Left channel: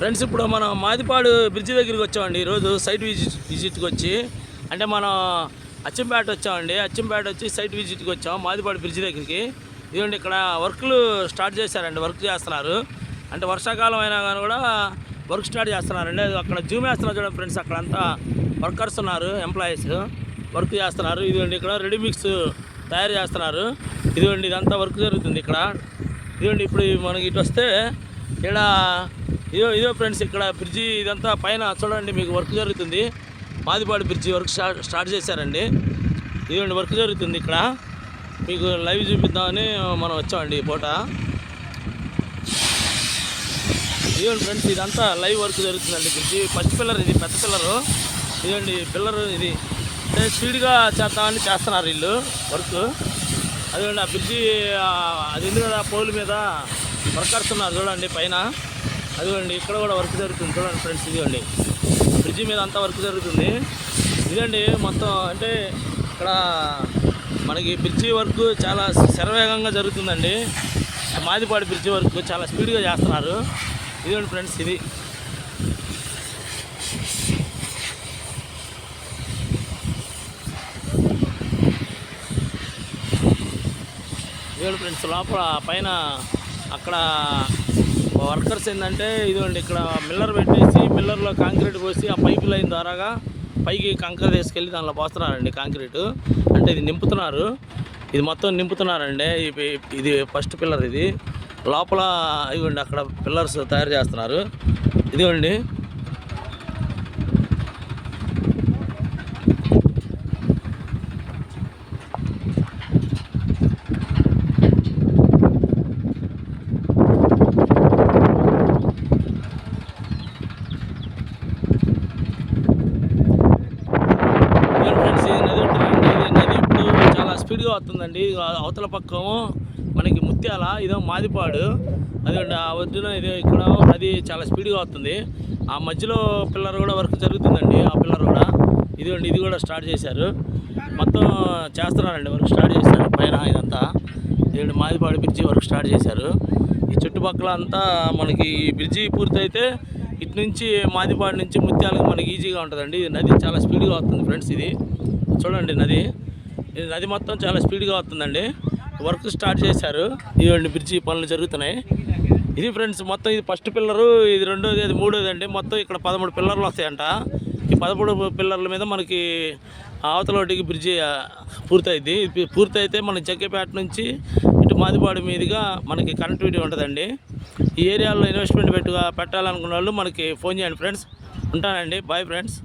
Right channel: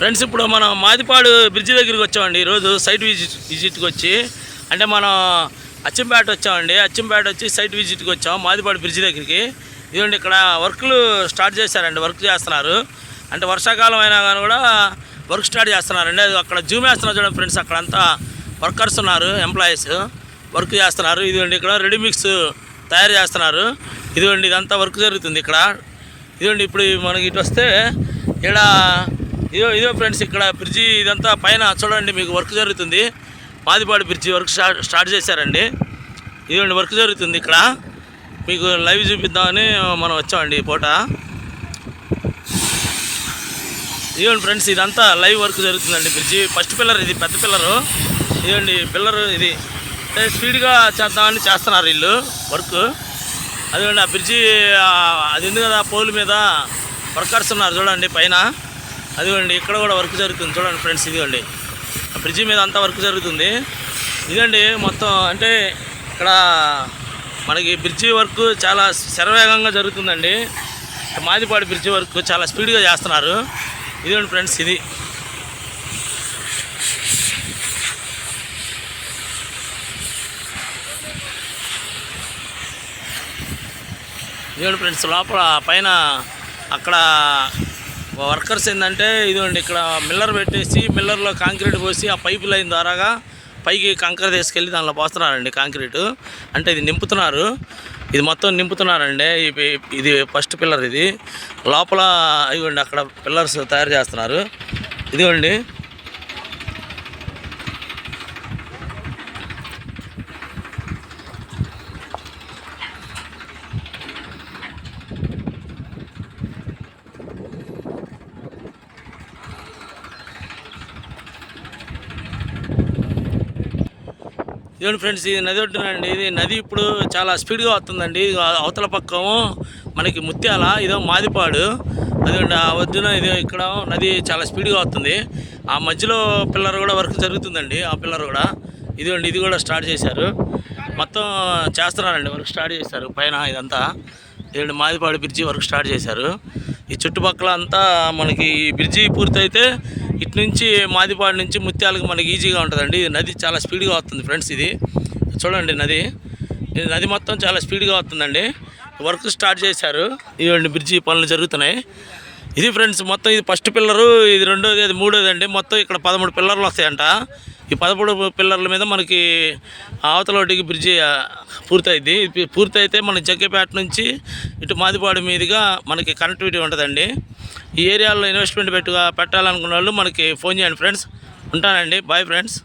Friends ఇప్పుడు మనం Madipadu bridge దగ్గరికి వచ్చామండి. ఈరోజు సైట్ విజిట్కి వచ్చి అంటే మనం అచ్చంపేట వచ్చామండి. అచ్చంపేట వచ్చి సైట్ విజిట్కి వచ్చాం మాదిపాడు బ్రిడ్జి దగ్గరికి. ఇదిగోండి ఇక్కడ వర్క్లు స్టార్ట్ చేశారండి, వర్క్ చేస్తున్నారు. అంటే వర్షాకాలం అయినా కానీ కూడా వర్క్ స్టార్ట్ చేస్తున్నారండి. అది అక్కడ జూమ్ వేస్తున్నారు చూడండి ఫ్రెండ్స్, అక్కడంతా వర్కర్స్ ఉన్నారు, ఎంప్లాయీస్ వర్క్ చేస్తున్నారు. ఇదిగోండి ఇక్కడ రెడీమిక్స్ తయారు చేస్తున్నారు. ఇదిగోండి ఇదంతా వర్క్ జరుగుతుంది ఇక్కడ. ఇదిగోండి ఇప్పుడు మనకి ఇటు వస్తే ఇక్కడ ఇదో ఫ్రెండ్స్, ఇక్కడ బ్రిడ్జి ఇదంతా పైన చూడండి మీకు వర్క్ జరుగుతుంది. మాదిపాడు బ్రిడ్జి వర్క్ స్టార్ట్ చేశారండి. ఇదిగోండి వర్క్ జరుగుతుంది ఇక్కడ, మీకు లైవ్ చూపిద్దామని మనం వచ్చామండి ఈ పూట. ఇదిగోండి ఫ్రెండ్స్ ఇదంతా లైవ్ వర్క్ జరుగుతుందండి. బ్రిడ్జి ఫస్ట్ పిల్లర్ ఇది, పెద్ద పిల్లరు. ఇదిగోండి పిల్లర్ ఇది స్పీడ్గా చేద్దామని చేస్తున్నారు వీళ్ళు వర్క్. అదిగోండి ఆ బ్రిడ్జి అది ఉంది కదా, పోల్ మీద వర్కర్స్ ఉన్నారు చూడండి పైన. అదిగోండి ఇక్కడ కూడా వర్క్ జరుగుతుంది చూడండి ఫ్రెండ్స్. ఇదిగోండి ఆ బ్రిడ్జి మీద అంతా వర్క్ జరుగుతుంది. ఇదండి మొత్తం అంటే ఇక్కడ మనకి బ్రిడ్జి వర్క్ చాలా శరవేగంగా జరుగుతుందండి. మాదిపాడు బ్రిడ్జి వర్క్ చాలా స్పీడ్గా చేస్తున్నారు. ఇదిగోండి ఫ్రెండ్స్ ఇది ఫ్రెండ్స్ లోపల పైన అక్కడ వర్కర్స్ ఏంటంటే ఇదిగోండి ఇక్కడ మిల్లర్ పెట్టేసి మిల్లర్లో కాంక్రీట్ పోసి ఆ పైప్ లైన్ ద్వారాగా పైకి కంకర తీసుకెళ్ళి దానిలో పోస్తున్నారండి కాంక్రీటు. అంటే ఇది నింపుతున్నారు, ఇది మొత్తం నింపుతున్నారండి. ఇది ఫస్ట్ పిల్లర్ ఇది. లోపల ఇదిగోండి అక్కడ పిల్లర్స్ తయారు చేస్తున్నారు. ఇదిగోండి ఇదిగోండి ఫ్రెండ్స్ ఇది నది ఒడ్డునండి. ఇది నది ఇప్పుడు చాలా స్పీడ్గా వస్తుందండి. అవతల పక్కము మనకి ముత్యాల, ఇదో మాదిపాడు. అదిగోండి ఆ వద్దున ఇది ఇక్కడ నది చాలా స్పీడ్గా వస్తుంది. ఆ మధ్యలో పిల్లర్ కూడా వర్క్ జరుగుతుందండి, ఆ పిల్లర్ కూడా. ఇదిగోండి ఇది కూడా స్టార్ట్ చేశారు, మొత్తం చేస్తున్నారండి, వర్క్ స్టార్ట్ చేశారు పైన ఇదంతా. ఇదిగోండి మాదిపాడు బ్రిడ్జి వర్క్ స్టార్ట్ చేశారు. ఈ చుట్టుపక్కల అంతా మనకి బ్రిడ్జి పూర్తయితే ఇటు నుంచి మాదిపాడు నుంచి ముత్యాలకు మనకి ఈజీగా ఉంటుందండి. నది చాలా స్పీడ్గా వస్తుంది ఫ్రెండ్స్. ఇది చూడండి నది మొత్తం చాలా స్పీడ్గా వస్తుందండి. వర్క్ స్టార్ట్ చేశారు. ఇవ్వండి బ్రిడ్జి పనులు జరుగుతున్నాయి. ఇది ఫ్రెండ్స్ మొత్తం ఇది ఫస్ట్ పిల్లరు, ఇది రెండోది, అది మూడోది అండి. మొత్తం ఇక్కడ 13 పిల్లర్లు వస్తాయంట. ఈ 13 పిల్లర్ల మీద మనకి అవతలొడ్డికి బ్రిడ్జి పూర్తయింది. పూర్తయితే మన జగ్గేపేట నుంచి ఇటు మాదిపాడు మీదుగా మనకి కనెక్టివిటీ ఉంటుందండి. ఈ ఏరియాలో ఇన్వెస్ట్మెంట్ పెట్టాలనుకున్న వాళ్ళు మనకి ఫోన్ చేయండి ఫ్రెండ్స్. ఉంటానండి, బాయ్ ఫ్రెండ్స్.